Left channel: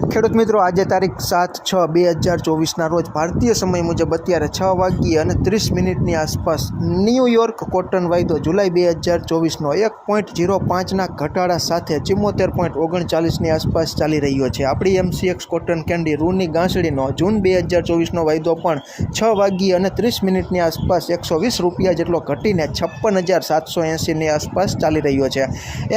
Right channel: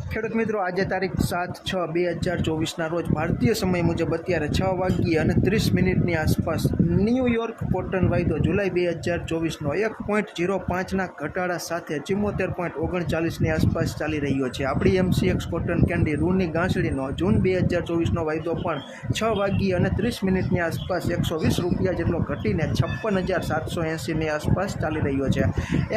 ખેડૂત મિત્રો, આજે તારીખ 7/6/2024ના રોજ ભારતીય સમય મુજબ અત્યારે 6:30 આસપાસ ન્યૂયોર્ક કોટન વાયદો જુલાઈ 2024નો 1.05ના ઘટાડા સાથે 74.39ની આસપાસ ચાલી રહ્યો છે. આપણી MCX કોટન કેન્ડી રૂની ગાંસડીનો જૂન 2024નો વાયદો પણ 6:30ની આસપાસ ₹120 જેટલો ઘટીને 56,780ની આસપાસ ચાલી રહ્યો છે.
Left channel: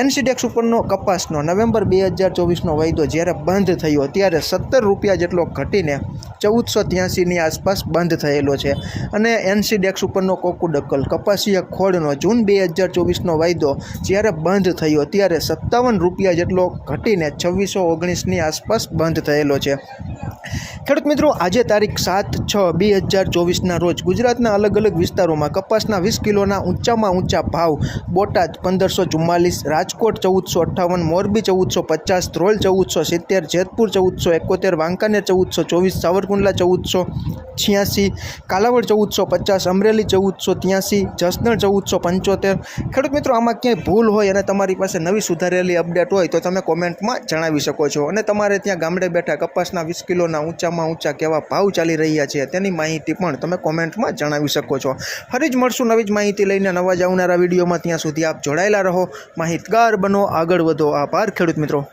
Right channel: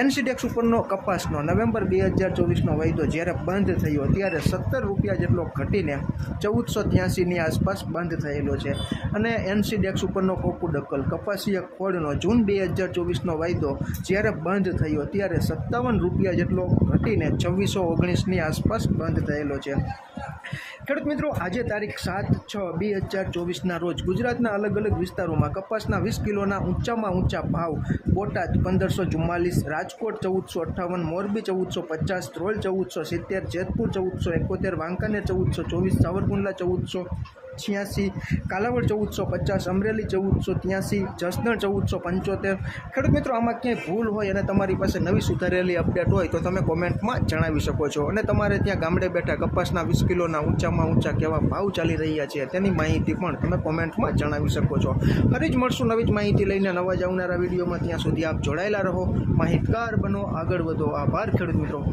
NCDEX ઉપરનો કપાસનો નવેમ્બર 2024નો વાયદો જ્યારે બંધ થયો ત્યારે ₹17 જેટલો ઘટીને 1483ની આસપાસ બંધ થયેલો છે. અને NCDEX ઉપરનો કોકુડકલ કપાસિયા ખોળનો જૂન 2024નો વાયદો જ્યારે બંધ થયો ત્યારે ₹57 જેટલો ઘટીને 2619ની આસપાસ બંધ થયેલો છે. ખેડૂત મિત્રો, આજે તારીખ 7/6/2024ના રોજ ગુજરાતના અલગ અલગ વિસ્તારોમાં કપાસના 20 કિલોના ઊંચામાં ઊંચા ભાવ: બોટાદ 1544, રાજકોટ 1458, મોરબી 1450, ધ્રોલ 1470, જેતપુર 1471, વાંકાનેર 1424, સાવરકુંડલા 1486, કાલાવડ 1450, અમરેલી 1483, જસદણ 1475. ખેડૂત મિત્રો, આમાં ક્યાંય ભૂલ હોય અને તમારી પાસે નવી સુધારેલી અપડેટ હોય તો તમે કોમેન્ટમાં જણાવી શકો છો. અને તમારે ત્યાં ગામડે બેઠા કપાસના 20 કિલોના ઊંચામાં ઊંચા કેવા ભાવ ચાલી રહ્યા છે તેની માહિતી પણ તમે કોમેન્ટમાં જણાવી શકો છો. ફરી જ મળશું નવી જ માહિતી લઈને નવા જ આવનારા વિડીયોમાં. ત્યાં સુધી આપ જોડાયેલા રહો, માહિતગાર બનો, આગળ વધો. આભાર ખેડૂત મિત્રો.